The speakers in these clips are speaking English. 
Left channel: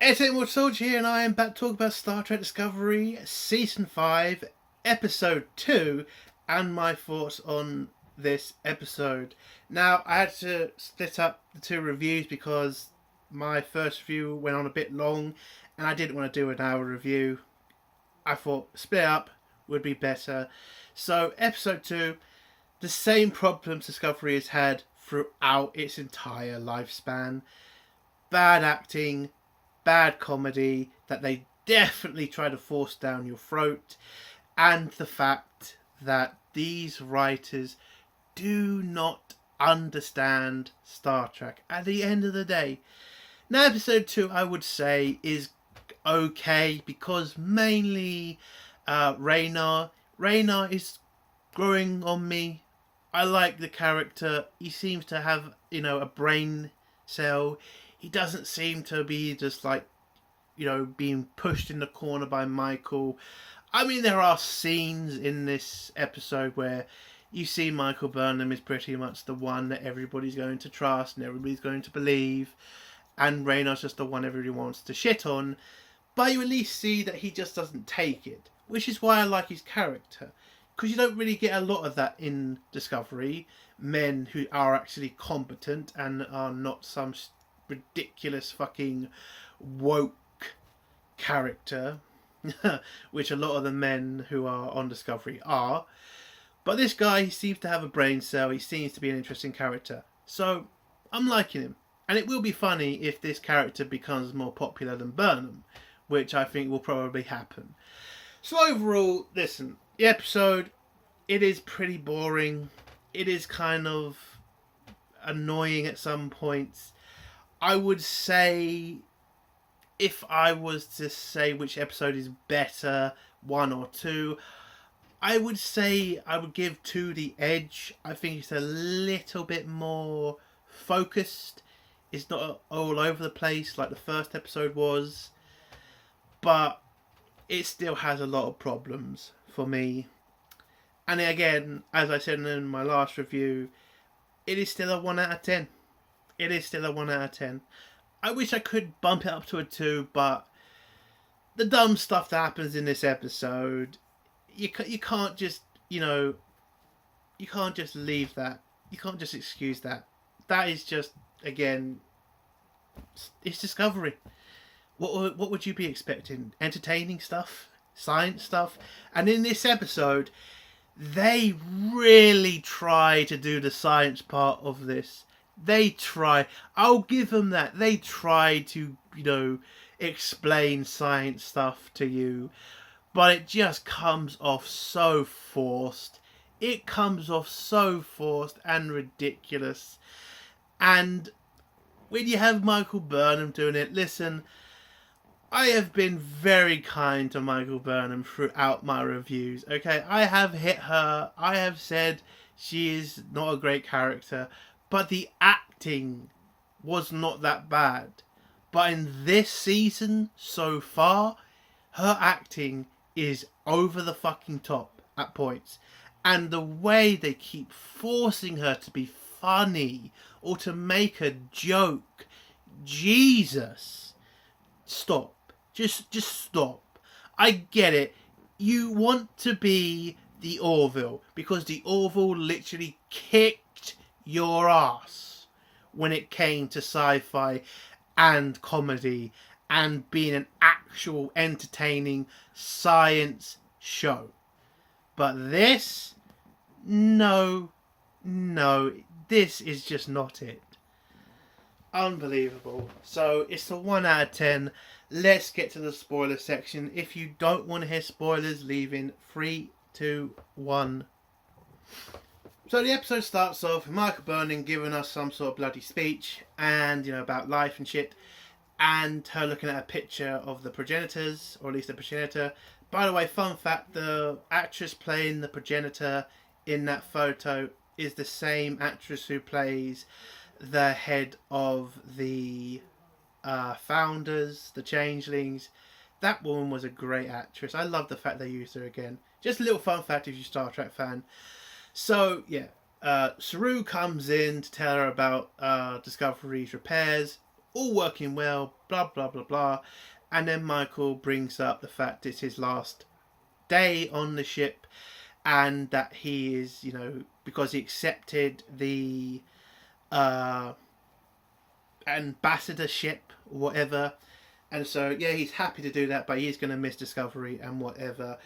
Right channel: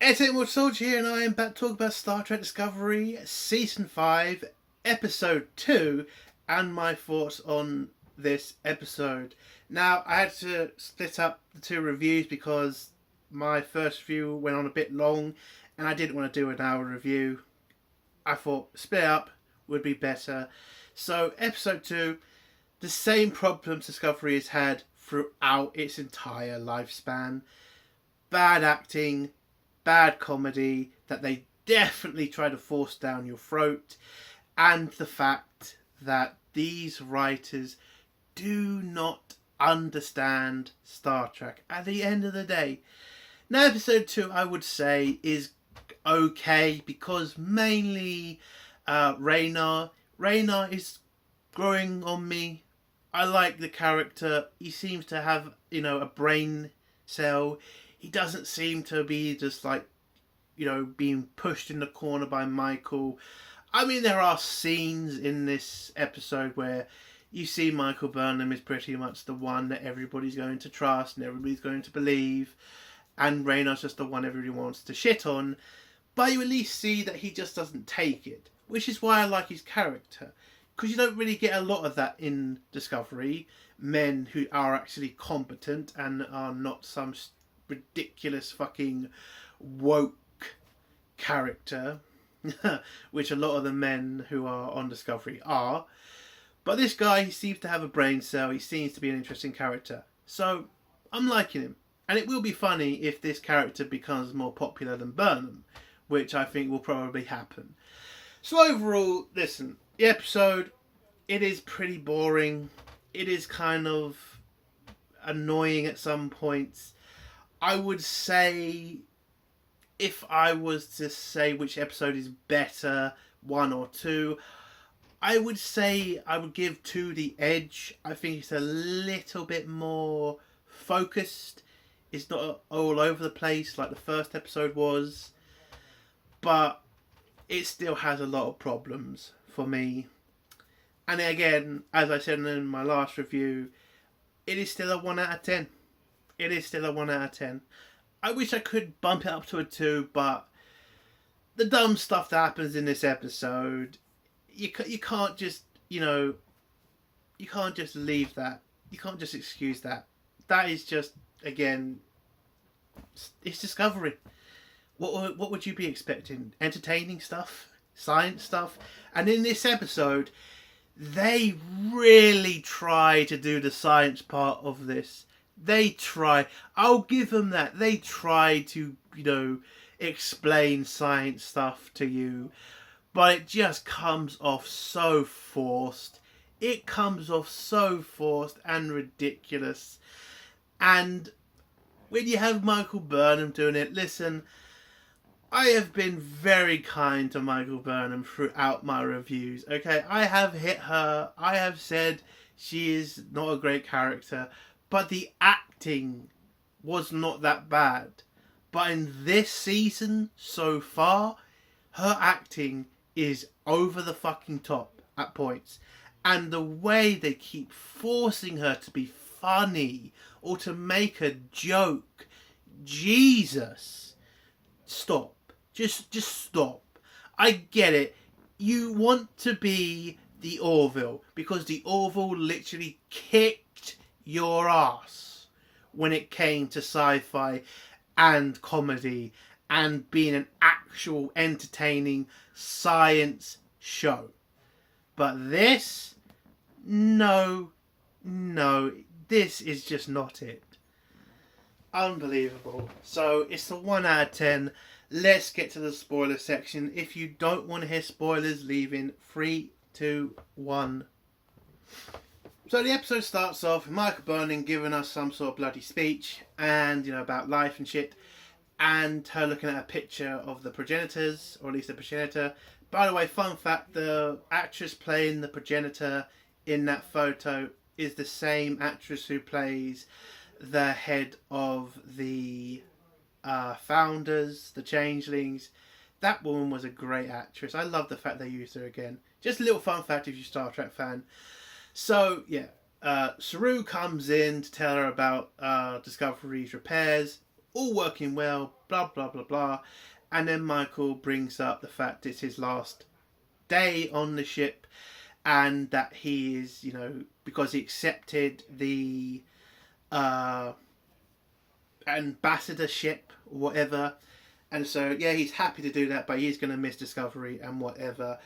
Entertainment Soldier here, and I am back to talk about Star Trek Discovery Season 5, Episode 2, and my thoughts on this episode. Now, I had to split up the two reviews because my first review went on a bit long, and I didn't want to do an hour review. I thought split up would be better. So, Episode 2, the same problems Discovery has had throughout its entire lifespan. Bad acting, bad comedy that they definitely try to force down your throat, and the fact that these writers do not understand Star Trek at the end of the day. Now, episode 2, I would say, is okay because mainly Rayner is growing on me. I like the character. He seems to have, a brain cell. He doesn't seem to be just like, being pushed in the corner by Michael. I mean, there are scenes in this episode where you see Michael Burnham is pretty much the one that everybody's going to trust and everybody's going to believe, and Rayner's just the one everybody wants to shit on. But you at least see that he just doesn't take it, which is why I like his character, because you don't really get a lot of that in Discovery. Men who are actually competent and are not some ridiculous fucking woke character, which a lot of the men who are on Discovery are. But this guy, he seems to have a brain cell. He seems to be an interesting character. So I'm liking him. And it will be funny if this character becomes more popular than Burnham, which I think will probably happen. So overall, listen, the episode, it is pretty boring. It is kind of annoying at some points. I would say, if I was to say which episode is better, 1 or 2, I would say I would give 2 the edge. I think it's a little bit more focused. It's not all over the place like the first episode was, but it still has a lot of problems for me. And again, as I said in my last review, it is still a 1 out of 10. It is still a 1 out of 10. I wish I could bump it up to a 2, but the dumb stuff that happens in this episode, you can't just, you can't just leave that. You can't just excuse that. That is just, again, it's Discovery. What would you be expecting? Entertaining stuff? Science stuff? And in this episode, they really try to do the science part of this. They try. I'll give them that. They try to, explain science stuff to you. But it just comes off so forced. It comes off so forced and ridiculous. And when you have Michael Burnham doing it, listen, I have been very kind to Michael Burnham throughout my reviews. Okay, I have hit her. I have said she is not a great character. But the acting was not that bad. But in this season, so far, her acting is over the fucking top at points. And the way they keep forcing her to be funny or to make a joke, Jesus, stop. Just stop. I get it. You want to be the Orville because the Orville literally kicked your ass when it came to sci-fi and comedy and being an actual entertaining science show. But this, no, this is just not it. Unbelievable. So it's a 1 out of 10. Let's get to the spoiler section. If you don't want to hear spoilers, leave in 3, 2, 1. So the episode starts off with Michael Burnham giving us some sort of bloody speech and, about life and shit, and her looking at a picture of the progenitors, or at least the progenitor. By the way, fun fact, the actress playing the progenitor in that photo is the same actress who plays the head of the founders, the changelings. That woman was a great actress. I love the fact they used her again. Just a little fun fact if you're a Star Trek fan. So, yeah, Saru comes in to tell her about Discovery's repairs. all working well, blah, blah, blah, blah. And then Michael brings up the fact it's his last day on the ship, and that he is, because he accepted the ambassadorship or whatever. And so, yeah, he's happy to do that, but he's going to miss Discovery and whatever.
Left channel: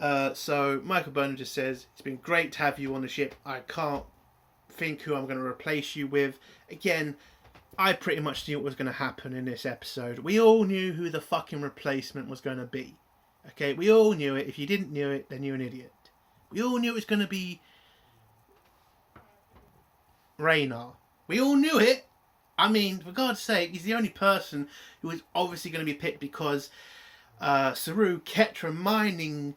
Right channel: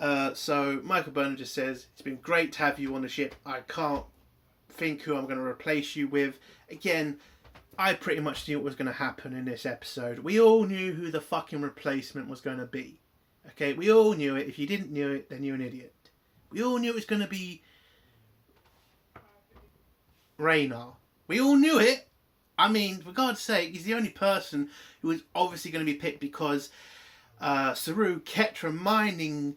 So Michael Burnham just says, it's been great to have you on the ship. I can't think who I'm going to replace you with. Again, I pretty much knew what was going to happen in this episode. We all knew who the fucking replacement was going to be. Okay, we all knew it. If you didn't know it, then you're an idiot. We all knew it was going to be Rayner. We all knew it. I mean, for God's sake, he's the only person who was obviously going to be picked, because Saru kept reminding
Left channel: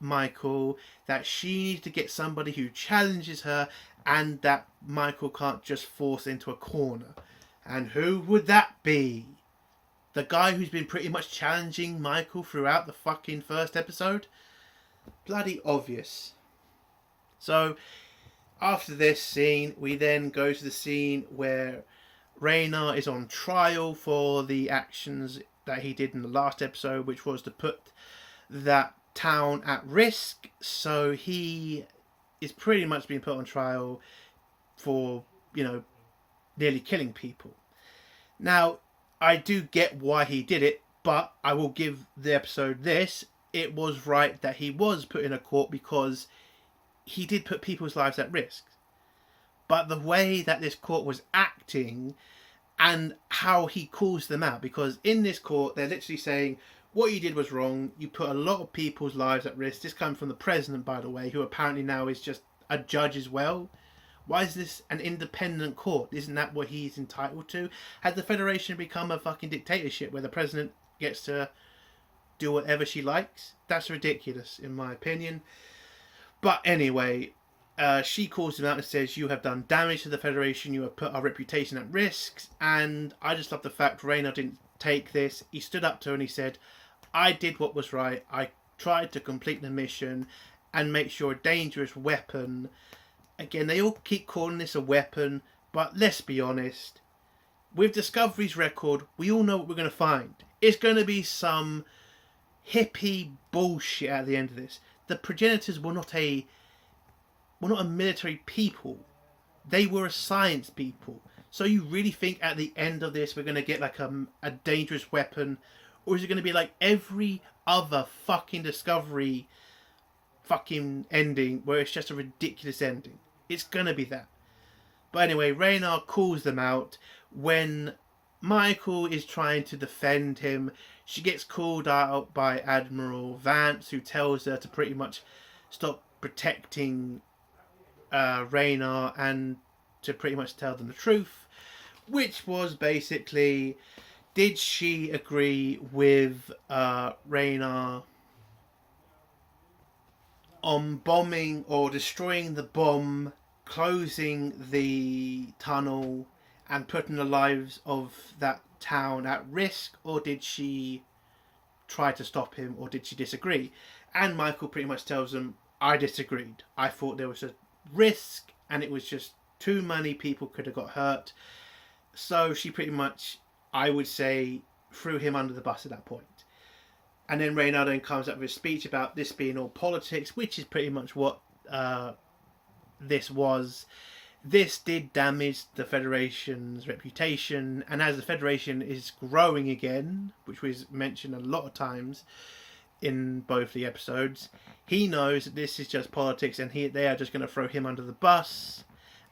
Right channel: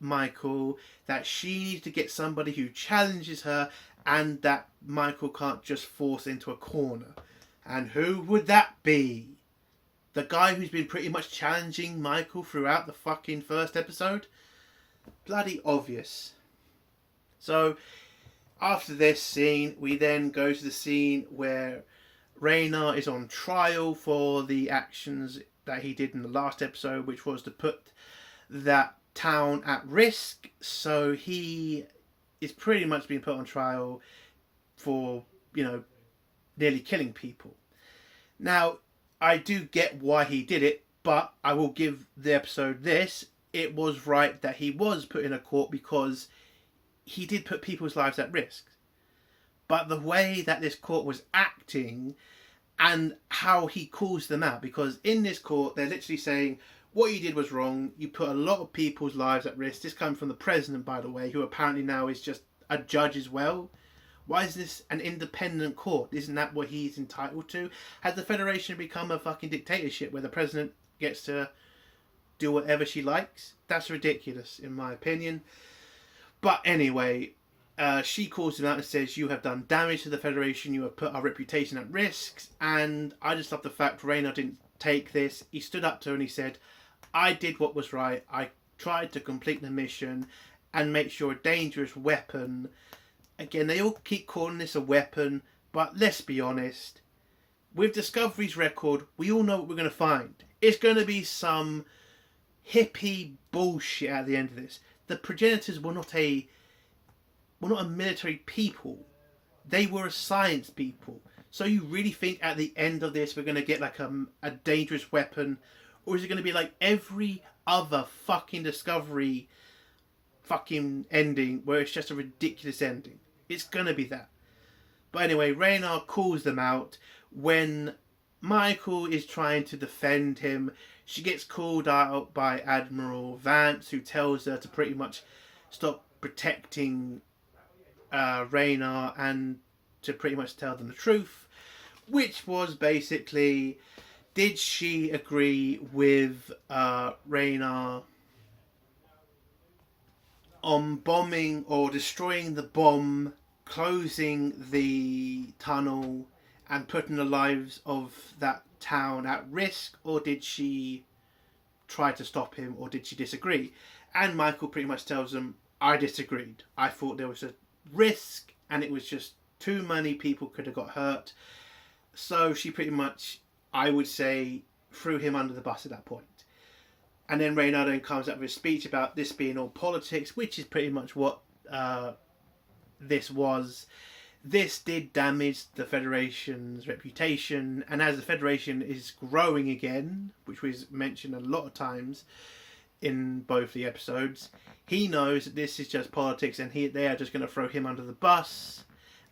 Michael that she needs to get somebody who challenges her, and that Michael can't just force into a corner. And who would that be? The guy who's been pretty much challenging Michael throughout the fucking first episode? Bloody obvious. So, after this scene, we then go to the scene where Rayner is on trial for the actions that he did in the last episode, which was to put that town at risk. So he is pretty much being put on trial for, nearly killing people. Now, I do get why he did it, but I will give the episode this. It was right that he was put in a court, because he did put people's lives at risk. But the way that this court was acting and how he calls them out, because in this court they're literally saying, what you did was wrong, you put a lot of people's lives at risk. This comes from the president, by the way, who apparently now is just a judge as well. Why is this an independent court? Isn't that what he's entitled to? Has the Federation become a fucking dictatorship where the president gets to do whatever she likes? That's ridiculous, in my opinion. But anyway, she calls him out and says, you have done damage to the Federation, you have put our reputation at risk. And I just love the fact Rayner didn't take this. He stood up to her and he said, I did what was right. I tried to complete the mission and make sure a dangerous weapon... Again, they all keep calling this a weapon, but let's be honest. With Discovery's record, we all know what we're going to find. It's going to be some hippie bullshit at the end of this. The progenitors were not a military people. They were a science people. So you really think at the end of this we're going to get like a dangerous weapon? Or is it going to be like every other fucking Discovery fucking ending where it's just a ridiculous ending? It's going to be that. But anyway, Rayner calls them out. When Michael is trying to defend him, she gets called out by Admiral Vance, who tells her to pretty much stop protecting Rayner and to pretty much tell them the truth, which was basically, did she agree with Rayner on bombing or destroying the bomb, closing the tunnel and putting the lives of that town at risk, or did she try to stop him, or did she disagree? And Michael pretty much tells them, I disagreed. I thought there was a risk and it was just too many people could have got hurt. So she pretty much, I would say, threw him under the bus at that point. And then Rayner then comes up with a speech about this being all politics, which is pretty much what this was. This did damage the Federation's reputation, and as the Federation is growing again, which was mentioned a lot of times in both the episodes, he knows that this is just politics, and they are just going to throw him under the bus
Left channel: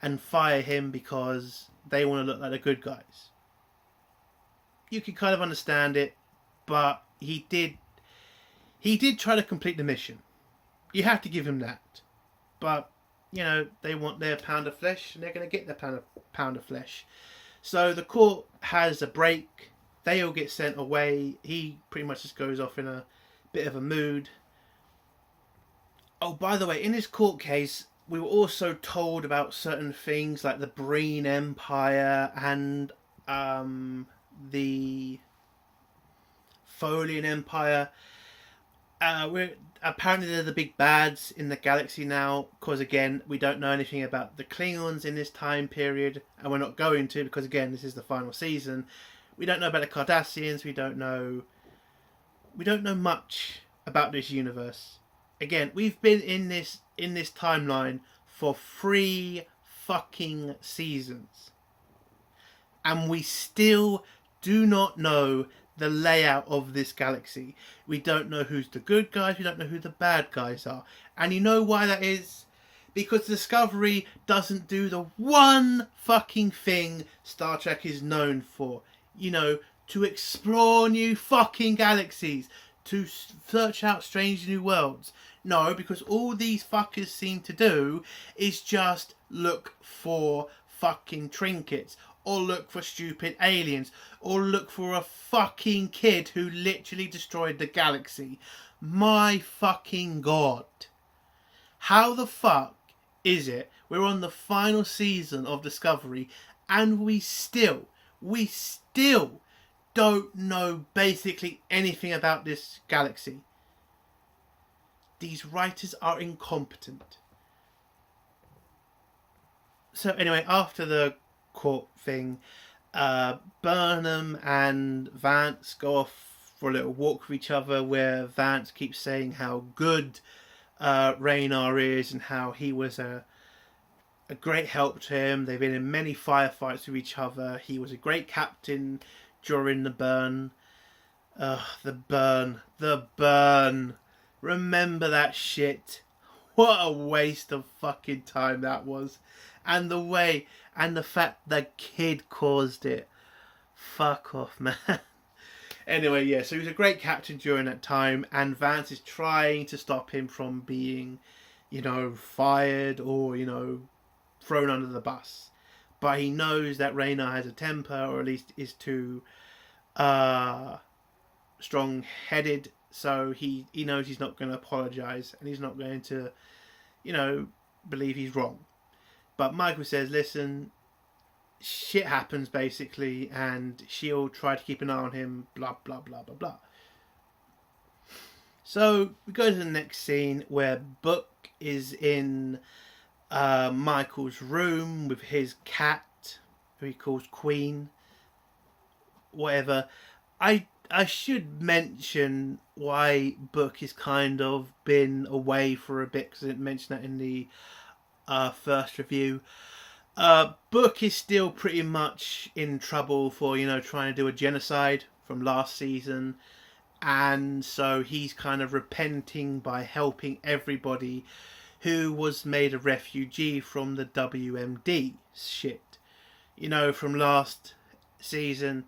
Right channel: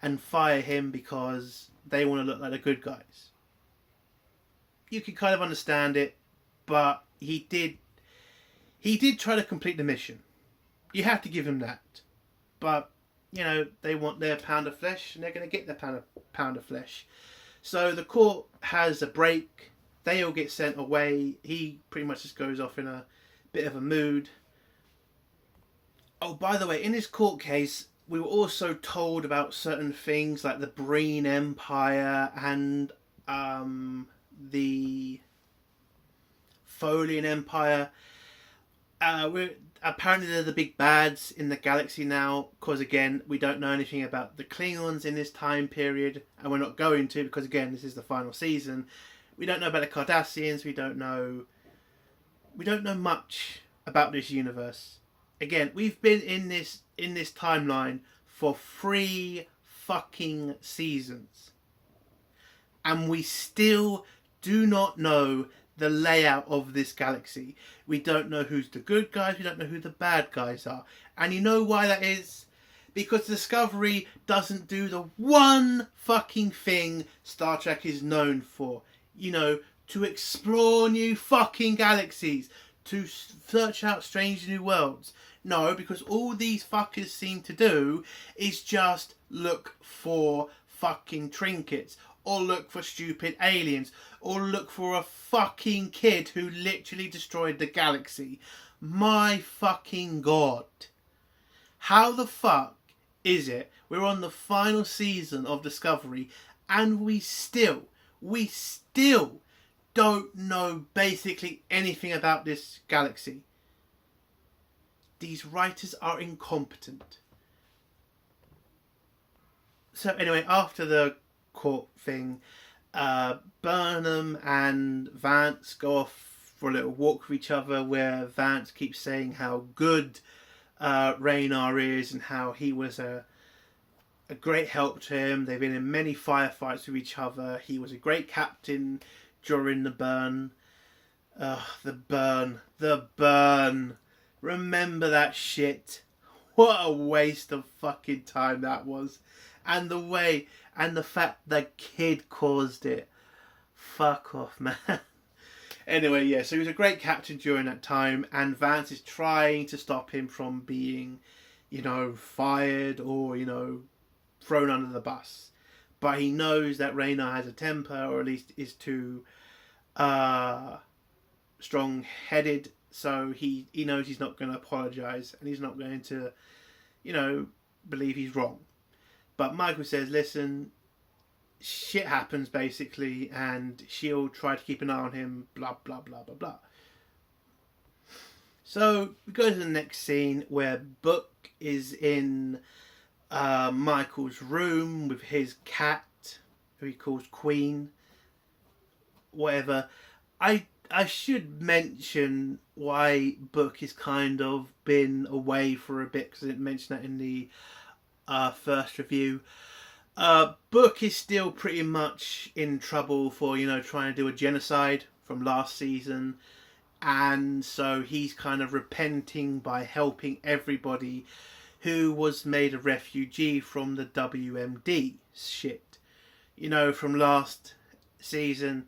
and fire him because they want to look like the good guys. You can kind of understand it, but he did try to complete the mission. You have to give him that. But, they want their pound of flesh, and they're going to get their pound of flesh. So the court has a break. They all get sent away. He pretty much just goes off in a bit of a mood. Oh, by the way, in this court case, we were also told about certain things like the Breen Empire and the Folian Empire. Apparently they're the big bads in the galaxy now, because again, we don't know anything about the Klingons in this time period, and we're not going to, because again, this is the final season. We don't know about the Cardassians. We don't know much about this universe. Again, we've been in this timeline for 3 fucking seasons, and we still do not know the layout of this galaxy. We don't know who's the good guys. We don't know who the bad guys are. And you know why that is? Because Discovery doesn't do the one fucking thing Star Trek is known for. You know, to explore new fucking galaxies. To search out strange new worlds. No, because all these fuckers seem to do is just look for fucking trinkets. Or look for stupid aliens. Or look for a fucking kid who literally destroyed the galaxy. My fucking god. How the fuck is it we're on the final season of Discovery and we still don't know basically anything about this galaxy? These writers are incompetent. So anyway, after the court thing, Burnham and Vance go off for a little walk with each other, where Vance keeps saying how good Rayner is and how he was a great help to him. They've been in many firefights with each other. He was a great captain during the burn. The burn. Remember that shit? What a waste of fucking time that was. And the way, and the fact the kid caused it. Fuck off, man. Anyway, yeah, so he was a great captain during that time, and Vance is trying to stop him from being, fired or, thrown under the bus. But he knows that Rayner has a temper, or at least is too strong-headed, so he knows he's not going to apologise, and he's not going to, believe he's wrong. But Michael says, listen, shit happens basically, and she'll try to keep an eye on him, blah, blah, blah, blah, blah. So we go to the next scene where Book is in Michael's room with his cat, who he calls Queen, whatever. I should mention why Book has kind of been away for a bit, because I didn't mention that in the first review. Book is still pretty much in trouble for, trying to do a genocide from last season. And so he's kind of repenting by helping everybody who was made a refugee from the WMD shit. From last season,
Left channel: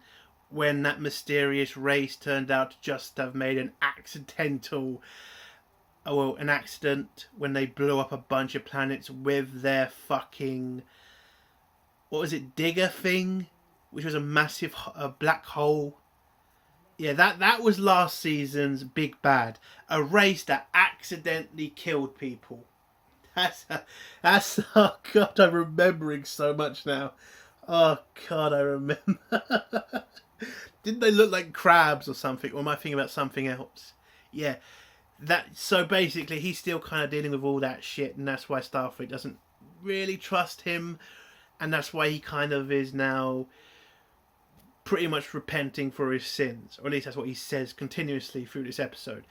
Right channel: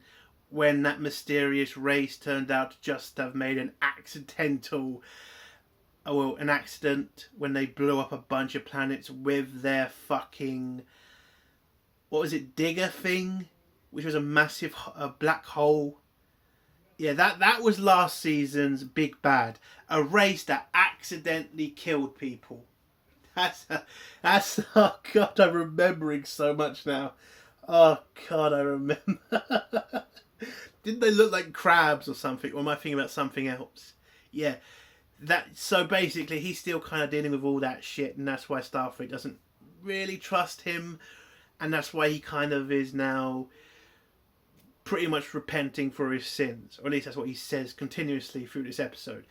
when that mysterious race turned out to just have made an accident when they blew up a bunch of planets with their fucking, what was it, digger thing, which was a massive black hole. Yeah, that was last season's big bad. A race that accidentally killed people. That's oh god, I'm remembering so much now. Oh god, I remember. Didn't they look like crabs or something? Or am I thinking about something else? Yeah. So basically he's still kind of dealing with all that shit, and that's why Starfleet doesn't really trust him, and that's why he kind of is now pretty much repenting for his sins, or at least that's what he says continuously through this episode.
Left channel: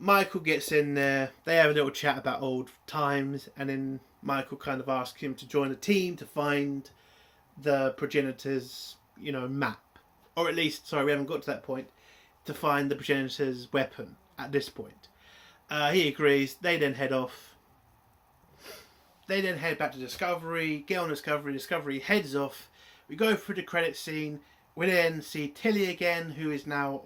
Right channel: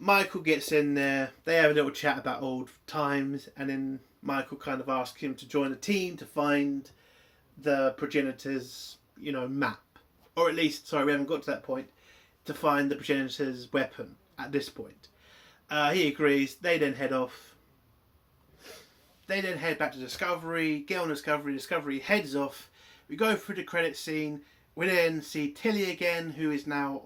Michael gets in there, they have a little chat about old times, and then Michael kind of asks him to join the team to find the progenitors, map, or at least, sorry, we haven't got to that point, to find the progenitor's weapon at this point. He agrees. They then head off. They then head back to Discovery, get on Discovery. Discovery heads off. We go through the credit scene. We then see Tilly again, who is now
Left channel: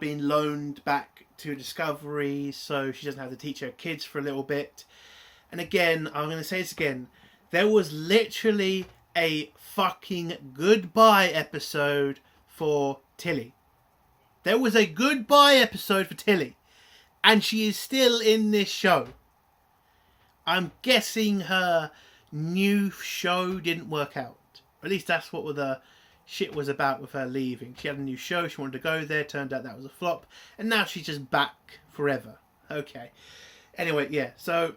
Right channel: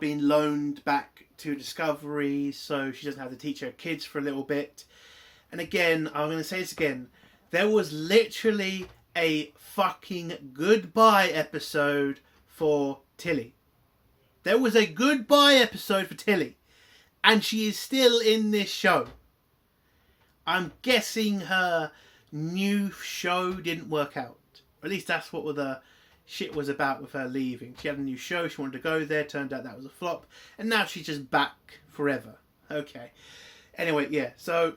being loaned back to Discovery, so she doesn't have to teach her kids for a little bit. And again, I'm going to say this again, there was literally a fucking goodbye episode for Tilly. There was a goodbye episode for Tilly, and she is still in this show. I'm guessing her new show didn't work out. At least that's what the shit was about with her leaving. She had a new show, she wanted to go there, turned out that was a flop, and now she's just back forever. Okay. Anyway, yeah, so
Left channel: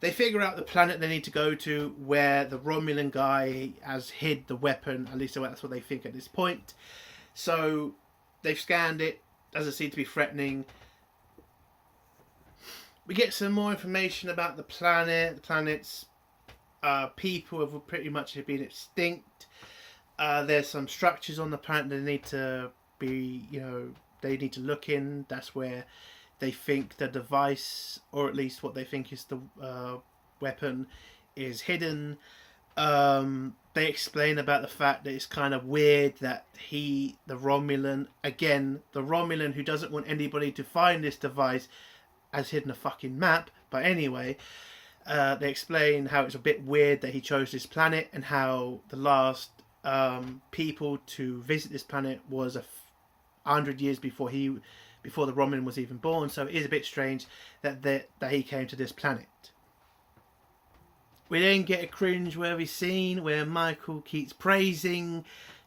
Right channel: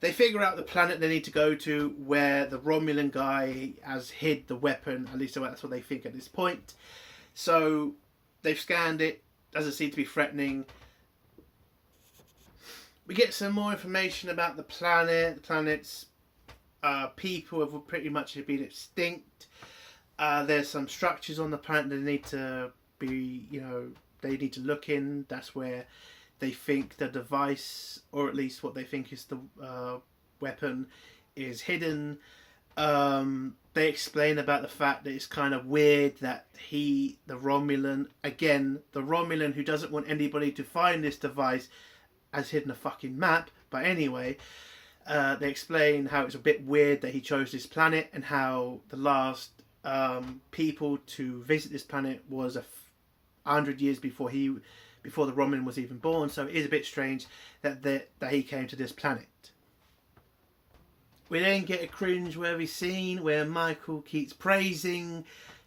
They figure out the planet they need to go to, where the Romulan guy has hid the weapon. At least that's what they think at this point. So they've scanned it. Doesn't seem to be threatening. We get some more information about the planet. The planet's people have pretty much been extinct. There's some structures on the planet that need to be, they need to look in. That's where they think the device, or at least what they think is the weapon, is hidden. They explain about the fact that it's kind of weird that the Romulan who doesn't want anybody to find this device, has hidden a fucking map. But anyway, they explain how it's a bit weird that he chose this planet, and how the last people to visit this planet was 100 years before the Romulan was even born. So it is a bit strange that he came to this planet. We then get a cringe-worthy scene where Michael keeps praising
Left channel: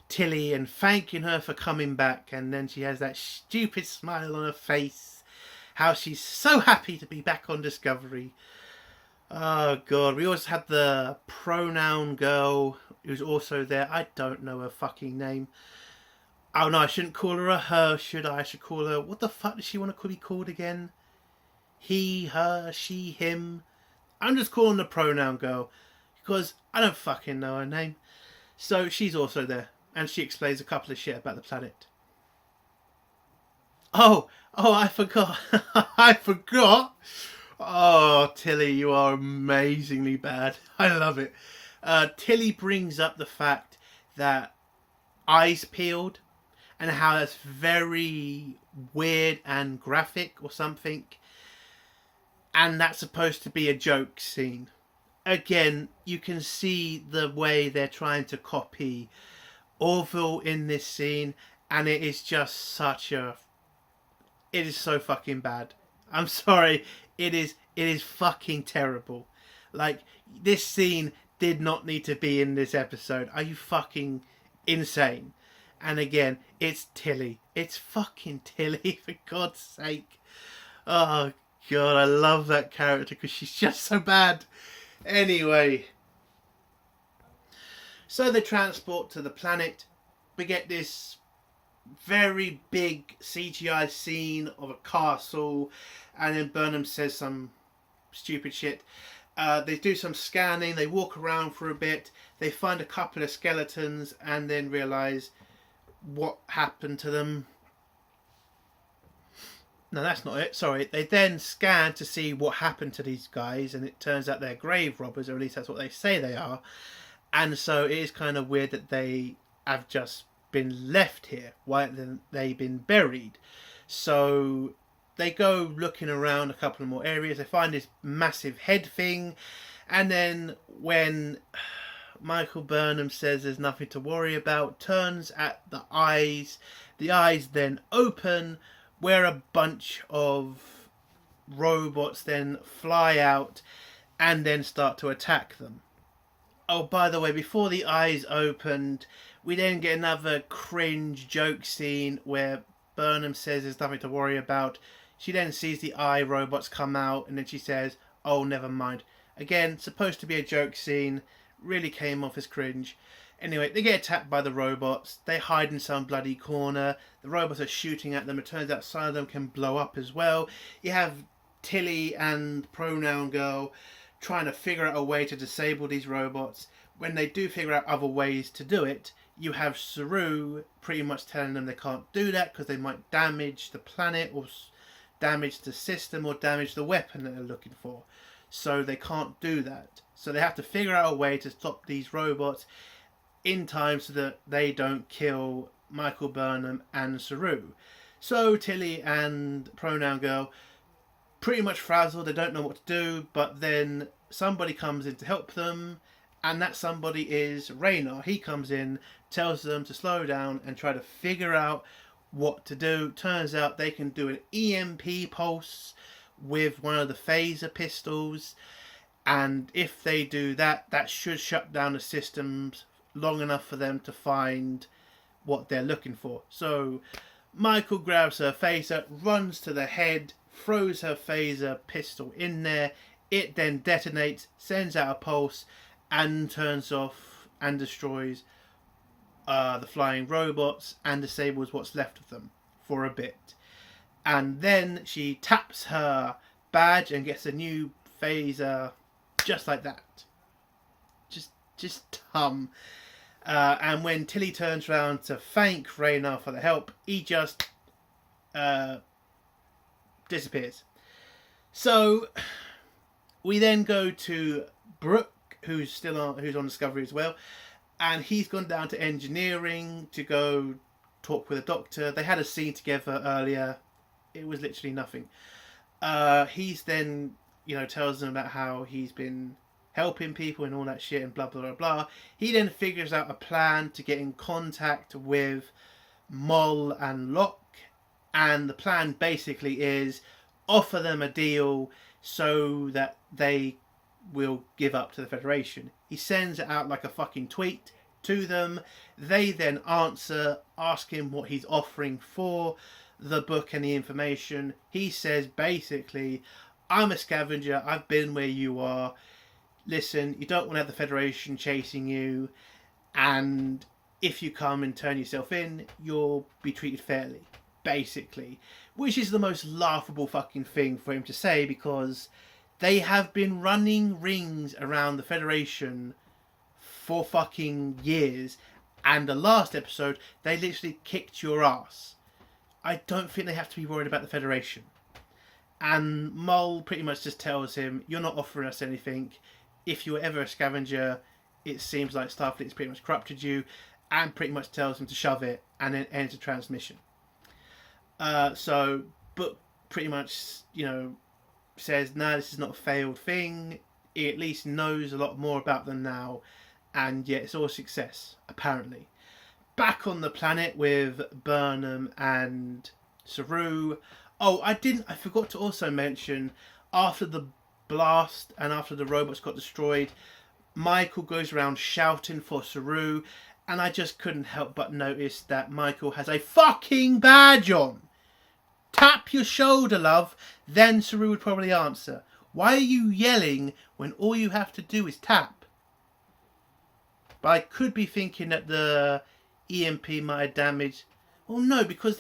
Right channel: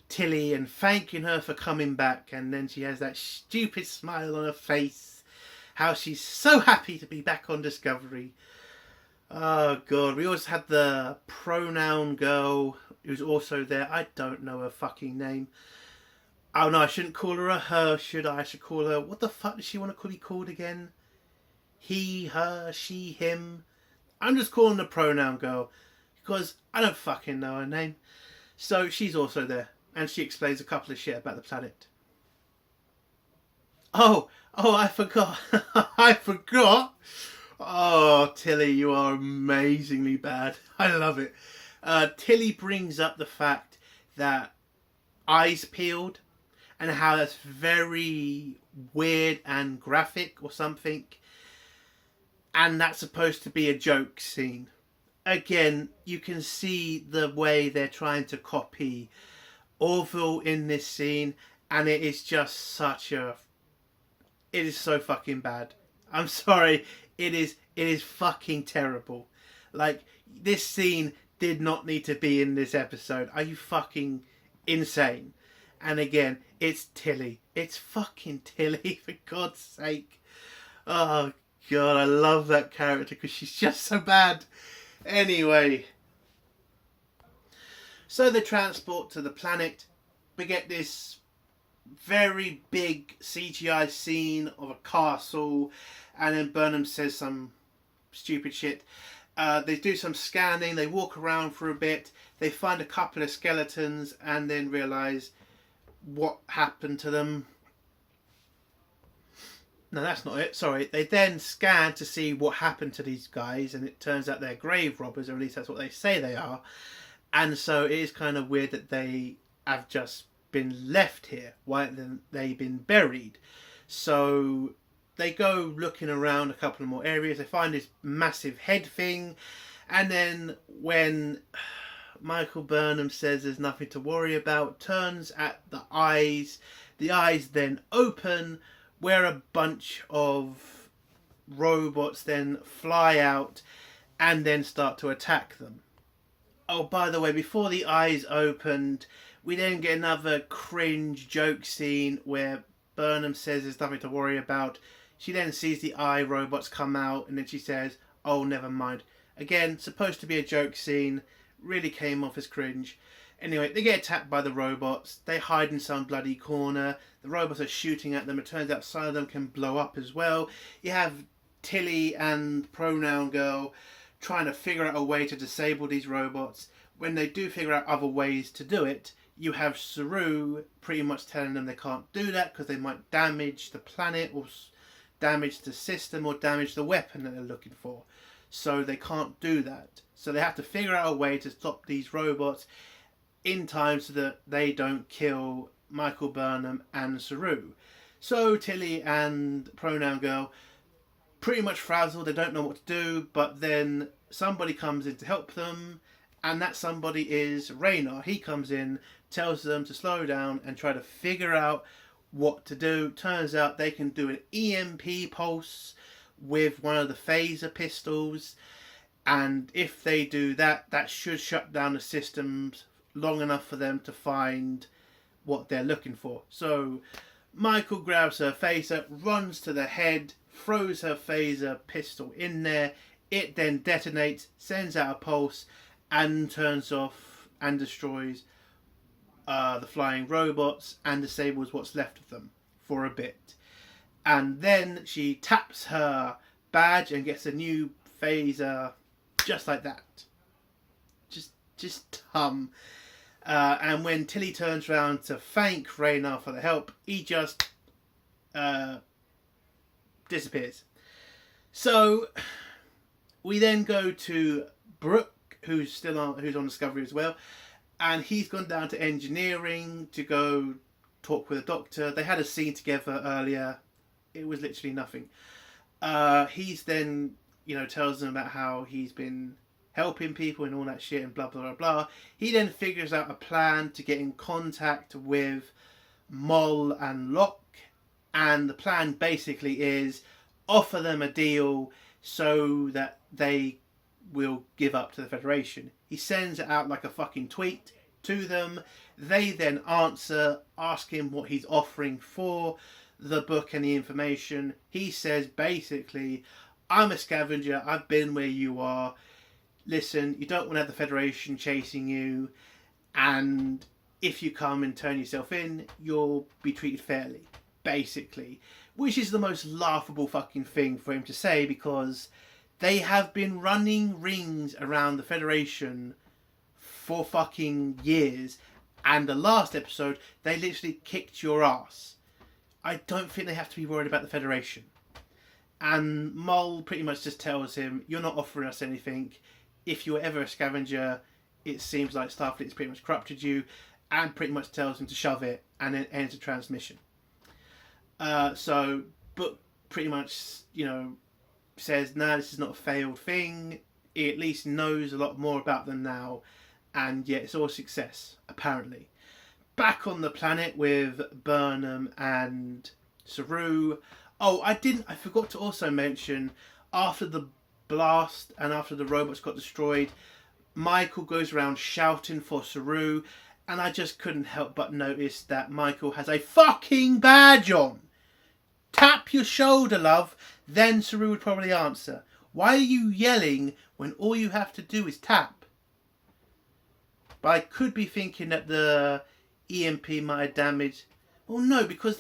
Tilly and thanking her for coming back, and then she has that stupid smile on her face, how she's so happy to be back on Discovery. Oh god, we also had the pronoun girl who's also there. I don't know her fucking name. Oh no, I shouldn't call her a her, should I? I should call her... What the fuck does she want to be called again? He, her, she, him. I'm just calling the pronoun girl because I don't fucking know her name. So she's also there, and she explains a couple of shit about the planet. Oh, I forgot. I forgot. Oh, Tilly, you are amazingly bad. I love it. Tilly brings up the fact that eyes peeled, and how that's very weird and graphic or something. And that's supposed to be a joke scene. Again, you can see the way they're trying to copy Orville in this scene, and it is just it is so fucking bad. I'm sorry, it is fucking terrible. Like, this scene did not need to be in this episode. Are you fucking insane? And again, it's Tilly. It's fucking Tilly, for God's sake. Oh god, I love that character because she's just so bad. Anyway, so they transport to the planet. We get this very big CGI scene of a castle, and then Burnham says some stupid shit. They do some scanning, they walk around for a bit, they find a couple of skeletons, and then realise what happened to them. No, that's not it. Sorry. They then scan to see what happened to these guys, and it turns out they're grave robbers, or at least that's what they say they are. And so it is kind of weird that they have just been left here. Why haven't they been buried? So they go looking around a couple of more areas. They find this massive head thing, and then when Michael Burnham says there's nothing to worry about, turns at the eyes then open, where a bunch of robots then fly out and then start to attack them. Oh, by the way, before the eyes opened, we then get another cringe joke scene where Burnham says there's nothing to worry about. She then sees the eye robots come out, and then she says, oh, never mind. Again, supposed to be a joke scene, really came off as cringe. Anyway, they get attacked by the robots. They hide in some bloody corner. The robots are shooting at them. It turns out some of them can blow up as well. You have Tilly and Pronoun Girl trying to figure out a way to disable these robots. When they do figure out other ways to do it, you have Saru pretty much telling them they can't do that because they might damage the planet, or damage the system, or damage the weapon that they're looking for. So they can't do that. So they have to figure out a way to stop these robots in time so that they don't kill Michael Burnham and Saru. So Tilly and Pronoun Girl pretty much frazzled. They don't know what to do, but then somebody comes in to help them, and that somebody is Rayner. He comes in, tells them to slow down and try to figure out what to do. Turns out they can do an EMP pulse with one of the phaser pistols, and if they do that, that should shut down the systems long enough for them to find what they're looking for. So Michael grabs her phaser, runs to the head, throws her phaser pistol in there. It then detonates, sends out a pulse, and turns off and destroys the flying robots and disables what's left of them for a bit. And then she taps her badge and gets a new phaser just like that. Just and when Tilly turns around to thank Rayner for the help, he just disappears. So we then go to Brooke, who's on Discovery as well, and he's gone down to engineering to go talk with a doctor. They had a scene together earlier. It was literally nothing. He's then, tells them about how he's been helping people and all that shit and blah, blah, blah, blah. He then figures out a plan to get in contact with Moll and Locke. And the plan basically is offer them a deal so that they will give up to the Federation. He sends it out like a fucking tweet to them. They then answer, ask him what he's offering for the book and the information. He says basically, I'm a scavenger, I've been where you are. Listen, you don't want to have the Federation chasing you, and if you come and turn yourself in, you'll be treated fairly, basically. Which is the most laughable fucking thing for him to say, because they have been running rings around the Federation for fucking years, and the last episode, they literally kicked your ass. I don't think they have to be worried about the Federation. And Moll pretty much just tells him, you're not offering us anything. If you were ever a scavenger, it seems like Starfleet's pretty much corrupted you, and pretty much tells him to shove it, and then ends the transmission. So Book pretty much, says, no, this is not a failed thing. He at least knows a lot more about them now, and yeah, it's all success, apparently. Back on the planet with Burnham and Saru. Oh, I forgot to also mention, after the blast and after the robots got destroyed, Michael goes around shouting for Saru, and I just couldn't help but notice that Michael has a fucking badge on. Tap your shoulder, love, then Saru would probably answer. Why are you yelling when all you have to do is tap? But I could be thinking that the EMP might have damaged. Oh no, because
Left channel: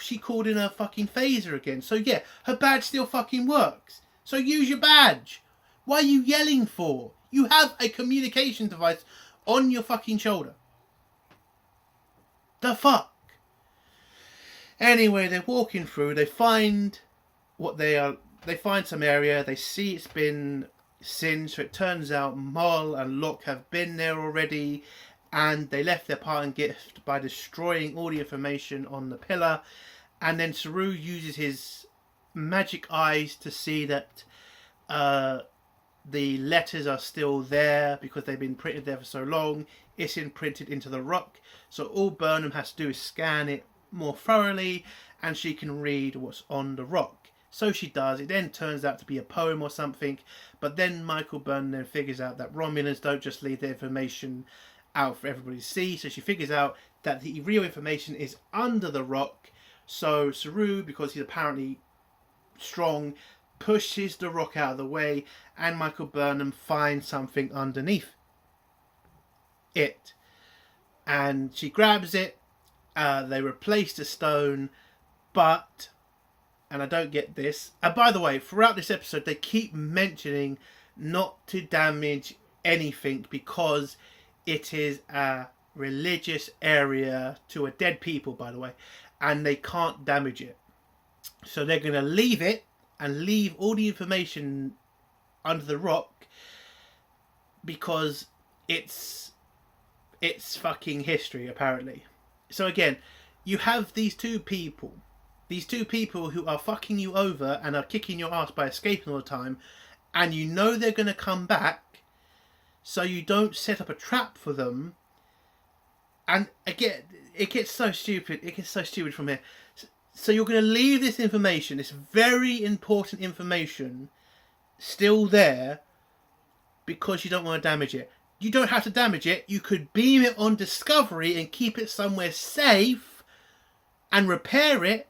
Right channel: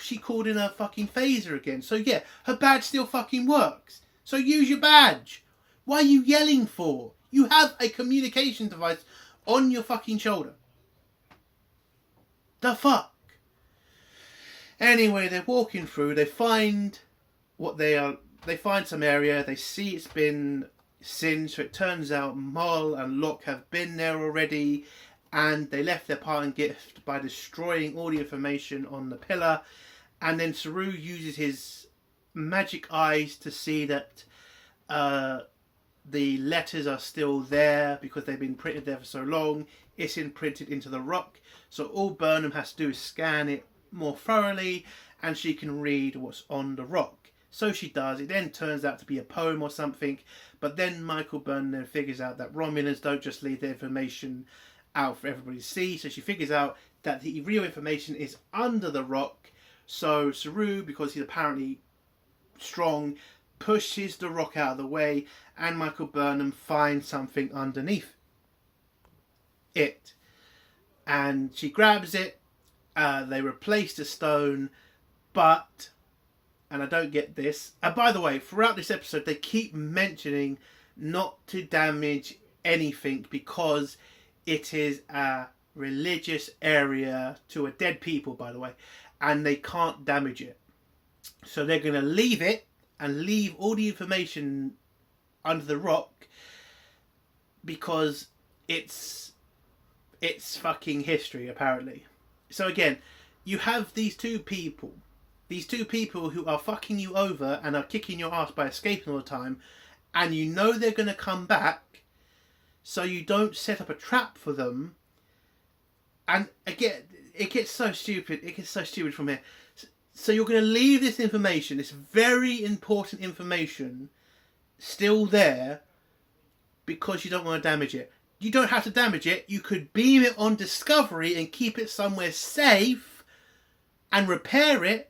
she called in her fucking phaser again. So yeah, her badge still fucking works. So use your badge. Why are you yelling for? You have a communication device on your fucking shoulder. The fuck? Anyway, they're walking through. They find They find some area. They see it's been singed. So it turns out Moll and Locke have been there already, and they left their parting gift by destroying all the information on the pillar. And then Saru uses his magic eyes to see that the letters are still there because they've been printed there for so long. It's imprinted into the rock. So all Burnham has to do is scan it more thoroughly, and she can read what's on the rock. So she does. It then turns out to be a poem or something. But then Michael Burnham then figures out that Romulans don't just leave the information out for everybody to see. So she figures out that the real information is under the rock. So Saru, because he's apparently strong, pushes the rock out of the way, and Michael Burnham finds something underneath it. And she grabs it. They replace the stone, but, and I don't get this. By the way, throughout this episode, they keep mentioning not to damage anything because it is a religious area to a dead people, by the way, and they can't damage it. So they're going to leave it and leave all the information under the rock because it's fucking history, apparently. So again, you have these two people who are fucking you over and are kicking your ass by escaping all the time, and you know they're going to come back, so you don't set up a trap for them. And again, it gets so stupid. It gets so stupid from here. So you're going to leave this information, this very important information, still there because you don't want to damage it. You don't have to damage it. You could beam it on Discovery and keep it somewhere safe and repair it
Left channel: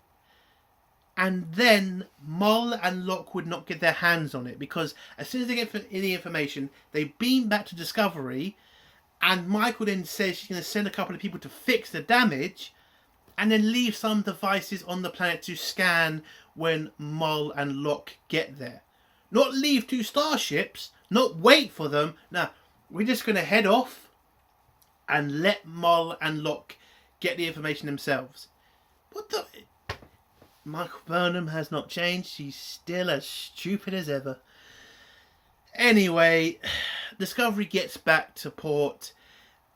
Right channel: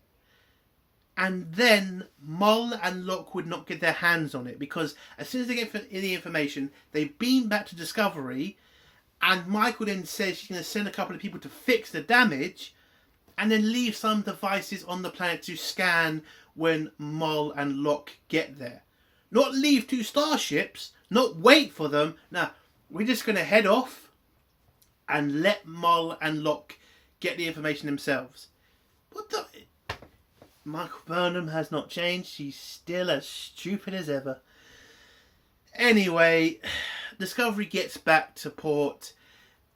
and then Mol and Locke would not get their hands on it, because as soon as they get the information, they beam back to Discovery, and Michael then says she's going to send a couple of people to fix the damage, and then leave some devices on the planet to scan when Mol and Locke get there. Not leave 2 starships, not wait for them. Now, we're just going to head off and let Mol and Locke get the information themselves. What the... Michael Burnham has not changed. She's still as stupid as ever. Anyway, Discovery gets back to port.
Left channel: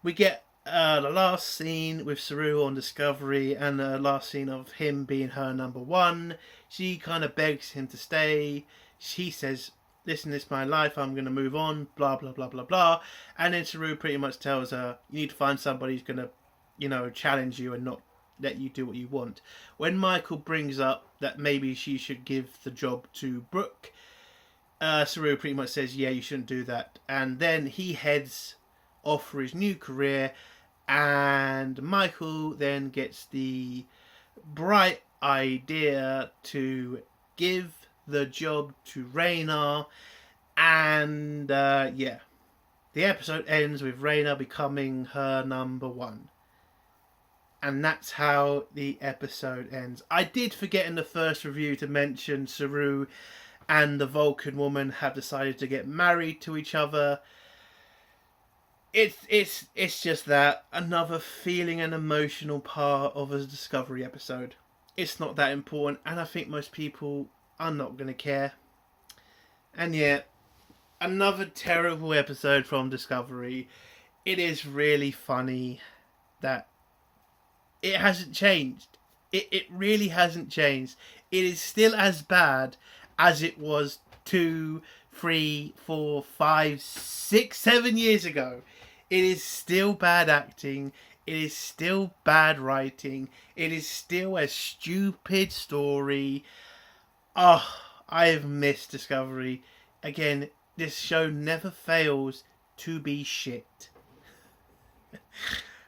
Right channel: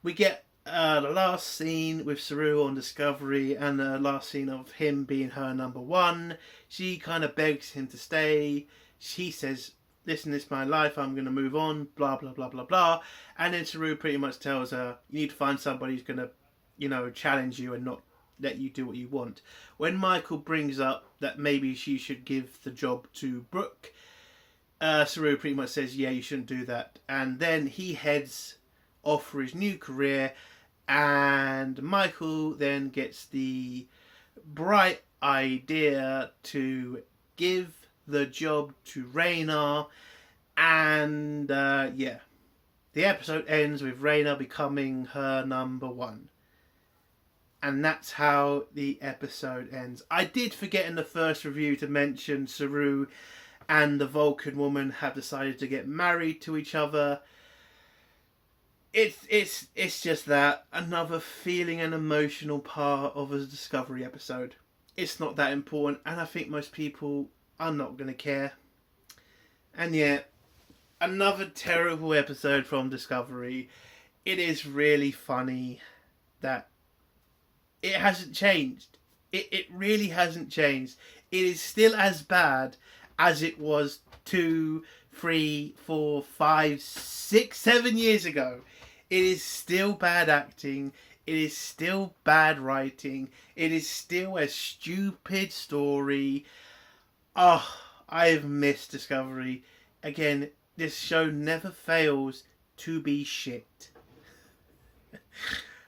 We get the last scene with Saru on Discovery, and the last scene of him being her number 1. She kind of begs him to stay. She says, listen, it's my life, I'm going to move on, blah, blah, blah, blah, blah. And then Saru pretty much tells her, you need to find somebody who's going to, challenge you and not let you do what you want. When Michael brings up that maybe she should give the job to Brooke, Saru pretty much says, yeah, you shouldn't do that. And then he heads off for his new career, and Michael then gets the bright idea to give the job to Rayner, and the episode ends with Rayner becoming her number 1. And that's how the episode ends. I did forget in the first review to mention Saru and the Vulcan woman have decided to get married to each other. It's just that another feeling and emotional part of a Discovery episode. It's not that important, and I think most people are not going to care. And yet, another terrible episode from Discovery. It is really funny that it hasn't changed. It really hasn't changed. It is still as bad as it was 2, 3, 4, 5, 6, 7 years ago. It is still bad acting. It is still bad writing. It is still a stupid story. Oh, I have missed Discovery. Again, this show never fails to be shit.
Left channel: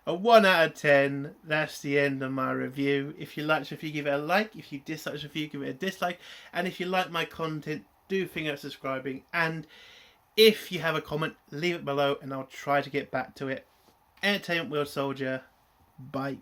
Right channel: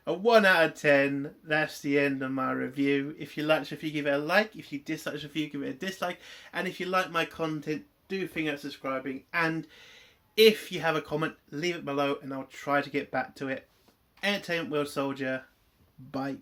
A 1 out of 10. That's the end of my review. If you liked the review, give it a like. If you disliked the review, give it a dislike. And if you like my content, do think of subscribing. And if you have a comment, leave it below and I'll try to get back to it. Entertainment World Soldier. Bye.